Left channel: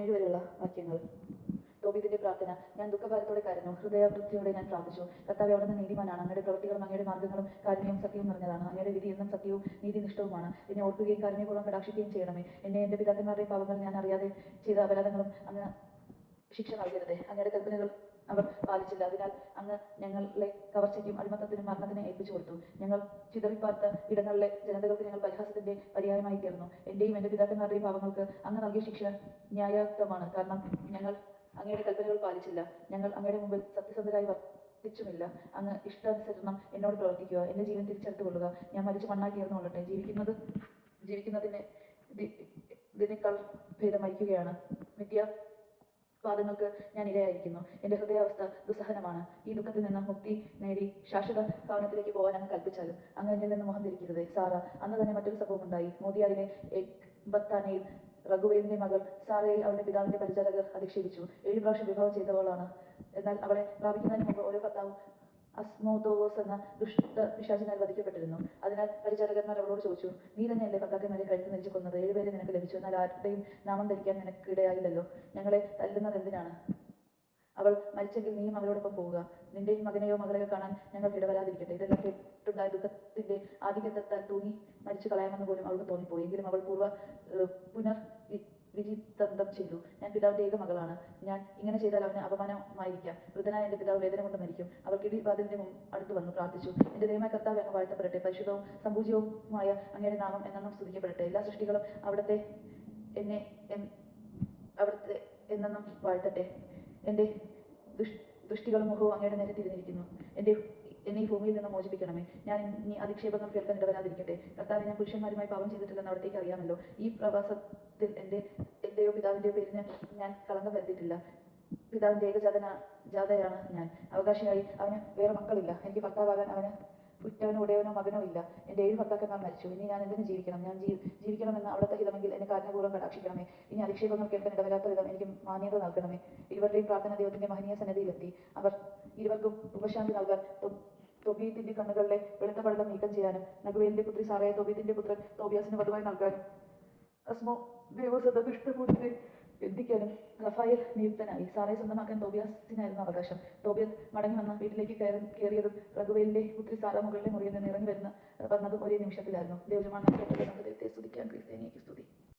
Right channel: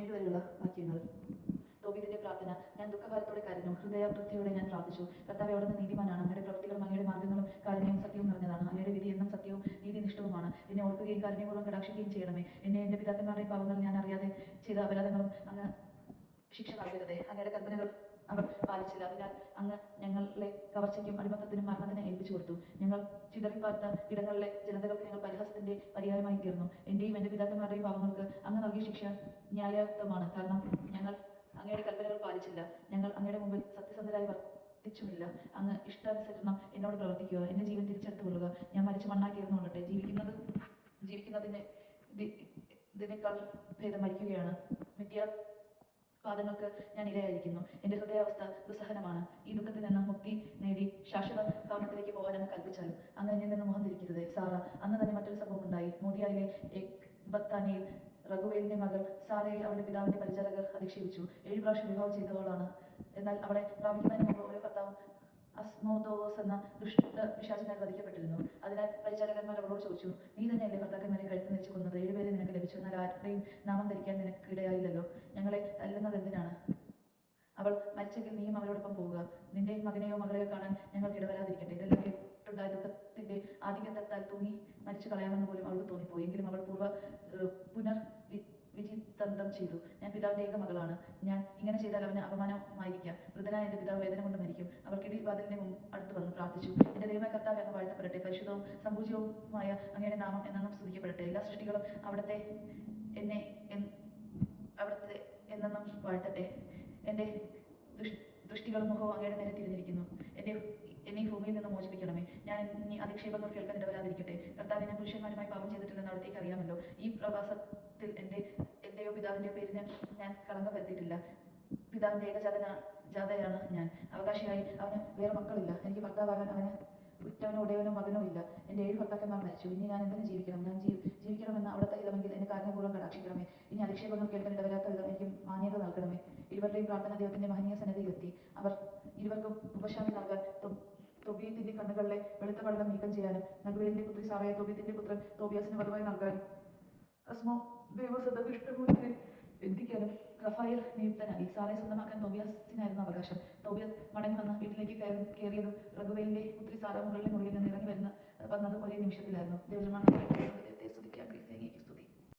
17 വരെയുള്ള വാക്യങ്ങൾ. തോബീതിന്റെ പ്രാർത്ഥന. ഞാൻ ദുഃഖഭാരത്തോടെ കരഞ്ഞു, ഹൃദയവൃത്തിയോടെ ഞാൻ പ്രാർത്ഥിച്ചു. കർത്താവേ, അവിടുന്ന് നീതിമാനാണ്. അങ്ങയുടെ പ്രവൃത്തികളും അങ്ങയുടെ മാർഗ്ഗങ്ങളും കാരുണ്യവും സത്യവും നിറഞ്ഞതാണ്. അങ്ങയുടെ വിധി എന്നും സത്യവും നീതിനിഷ്ഠവുമാണ്. എന്നെ ഓർക്കുകയും കാരുണ്യപൂർവ്വം കടാക്ഷിക്കുകയും ചെയ്യണമേ. എന്നെ എന്റെ പിതാക്കന്മാരുടെയും പാപങ്ങൾ ഞാൻ അറിയാതെ ചെയ്ത അപരാധങ്ങളും അങ്ങ് ശിക്ഷ നൽകരുതേ. അങ്ങയുടെ കൽപ്പനകൾ അവർ പാലിച്ചില്ല. അതിനാൽ അങ്ങ് ഞങ്ങളെ കവർച്ചയ്ക്കും അടിമത്തത്തിനും മരണത്തിന് ഏൽപ്പിച്ചു കൊടുത്തു. ഞങ്ങൾ ചിതറിപ്പാർത്ത ഇടങ്ങളിലെ ജനതകൾക്ക് ഞങ്ങൾ പരിഹാസത്തിന്റെ പര്യായമായി തീർന്നു. എന്റെയും എന്റെ പിതാക്കന്മാരുടെയും പാപങ്ങൾക്ക് അങ്ങ് നൽകിയ ശിക്ഷ ന്യായയുക്തമാണ്. കാരണം ഞങ്ങൾ അങ്ങയുടെ കൽപ്പനകൾ പാലിച്ചില്ല. ഞങ്ങൾ അങ്ങയുടെ മുമ്പിൽ സത്യസന്ധരായി വർത്തിച്ചുമില്ല. അങ്ങ് ഇഷ്ടാനുസരണം എന്നോട് പ്രവർത്തിക്കുക. എന്റെ ജീവൻ തിരിച്ചെടുത്തുകൊള്ളുക. ഞാൻ മരിച്ച് മണ്ണായി തീർന്നുകൊള്ളട്ടെ. ജീവിക്കുന്നതിന് ഇതിനേക്കാൾ ഭേദം മരിക്കുകയാണ്. പാദങ്ങൾക്ക് ഞാൻ ഇരയായിരിക്കുന്നു. എന്റെ ഹൃദയാവസ്ഥ ദുസ്സഹനമാണ്. ഈ ദുഃഖത്തിൽ നിന്ന് മുക്തി നേടി ശാശ്വത ഭവനത്തിലേക്ക് പോകാൻ അങ്ങ് കൽപ്പിച്ചാലും അങ്ങ് എന്നിൽ നിന്ന് മുഖം തിരിക്കരുതേ. സാറ. അന്ന് തന്നെ മറ്റൊരു സംഭവം ഉണ്ടായി. മോദിയായിലെ എക്ബത്താനയിൽ റഘുവേലിന്റെ മകൾ സാറയിൽ അവളുടെ പിതാവിന്റെ പരിചാരകർ അധിക്ഷേപിച്ചു. 7 പ്രാവശ്യം വിവാഹം ചെയ്തവളാണ്. എന്നാൽ അവളെ പ്രാപിക്കുന്നതിന് മുമ്പ് ഓരോ ഭർത്താവും അസ്മോദോസ് എന്ന ദുഷ്ടപിശാചിനാൽ വധിക്കപ്പെട്ടിരുന്നു. അതിനാൽ പരിചാരകന്മാർ അവളോട് ചോദിച്ചു, നീ തന്നെയല്ലേ ഭർത്താക്കന്മാരെ കഴുത്ത് നെരിച്ച് കൊന്നത്? 7 പേരെ നിനക്ക് ലഭിച്ചു, എന്നാൽ ആരുടെയും നാമം ധരിക്കാൻ നിനക്കിടയായില്ലല്ലോ. ഞങ്ങളെ തല്ലുന്നത് എന്തിനാണ്? അവൾ മരിച്ചെങ്കിൽ നീയും അവളോടൊപ്പം പോവുക. നിന്റെ മകനെയോ മകളെയോ കാണാൻ ഞങ്ങൾക്ക് ഇടവരാതിരിക്കട്ടെ. ഇതെല്ലാം കേട്ടുണ്ടായ ദുഃഖത്തിന്റെ ആധിക്യത്താൽ തൂങ്ങി മരിച്ചു കളയാമെന്ന് പോലും അവൾക്ക് തോന്നിപ്പോയി. എങ്കിലും അവൾ പുനർവിചിന്തനം ചെയ്തു. ഞാൻ പിതാവിന്റെ ഏക മകളാണ്. ഞാൻ ഇങ്ങനെ ചെയ്താൽ അവന് അപമാനമായിരിക്കാം. വൃദ്ധനായ എന്റെ പിതാവ് വേദന കൊണ്ട് മരിക്കും. അവൾ കിടിവാതിലിന്റെ അടുത്ത് വന്ന് പ്രാർത്ഥിച്ചു. എന്റെ ദൈവമായ കർത്താവേ, അങ്ങ് വാഴ്ത്തപ്പെടട്ടെ. പരിശുദ്ധവും സമ്പൂജ്യവുമായ അങ്ങയുടെ നാമം എന്നെന്നും സ്തുതിക്കപ്പെടട്ടെ. എല്ലാ സൃഷ്ടികളും അവിടുത്തെ എന്നെന്നും വാഴ്ത്തട്ടെ. എന്റെ ദൃഷ്ടികളും മുഖവും അങ്ങയുടെ നേരെ തിരിഞ്ഞിരിക്കുന്നു. എന്നെ ഭൂമിയിൽ നിന്ന് മോചിപ്പിക്കണമേ. ഞാൻ ഇനി അധിക്ഷേപങ്ങൾ കേൾക്കാൻ ഇടവരാതിരിക്കട്ടെ. കർത്താവേ, ഞാൻ പുരുഷന്മാരുമായി പാപം ചെയ്തിട്ടില്ലെന്ന് അവിടത്തേക്ക് അറിയാമല്ലോ. ഈ പ്രവാസത്തിൽ എന്റെയോ പിതാവിന്റെയോ പേരിന് ഞാൻ കളങ്കം വരുത്തിയിട്ടില്ല. പിതാവിന്റെ ഏകജാതയാണ് ഞാൻ. അവകാശിയായി അവന് വേറെ മക്കളില്ല. എനിക്ക് ഭർത്താവാകാൻ അവന് ഉറ്റവനോ ഉടയവനോ മകനോ ഇല്ല. എന്റെ 7 ഭർത്താക്കന്മാർ മരിച്ചു. ഇനി ഞാൻ എന്തിനു ജീവിക്കണം? ഞാൻ ജീവിക്കണമെന്ന് അവിടുത്തെ ഹിതമെങ്കിൽ എന്നെ കാരുണ്യപൂർവ്വം കടാക്ഷിക്കണമേ. ഇനി അധിക്ഷേപങ്ങൾ കേൾക്കാൻ ഇടവരാത്ത വിധം എനിക്ക് മാന്യത നൽകണമേ. ഇരുവരുടെയും പ്രാർത്ഥന ദൈവത്തിന്റെ മഹനീയ സന്നിധിയിലെത്തി. അവർ ഇരുവർക്കും ഉപശാന്തി നൽകാൻ തോബീത്തിന്റെ കണ്ണുകളിലെ വെളുത്ത പടലം നീക്കം ചെയ്യാനും റഘുവേലിന്റെ പുത്രി സാറയെ തോബീത്തിന്റെ പുത്രൻ തോബിയാസിന് വധുവായി നൽകാനും അസ്മോദേവോസ് എന്ന ദുഷ്ടമൂർത്തിയെ ബന്ധിക്കാനും റഫായേൽ നിയുക്തനായി. സാറയെ സ്വന്തമാക്കാൻ തോബിയാസിനായിരുന്നു അവകാശം. തോബിയാസ് മടങ്ങി വന്ന് വീട്ടിലേക്ക് കയറിയതും റഘുവേലിന്റെ പുത്രി സാറ മുകളിലെ മുറിയിൽ നിന്ന് ഇറങ്ങി വന്നതും ഒരേ നിമിഷത്തിലായിരുന്നു. ദൈവജനമാണ്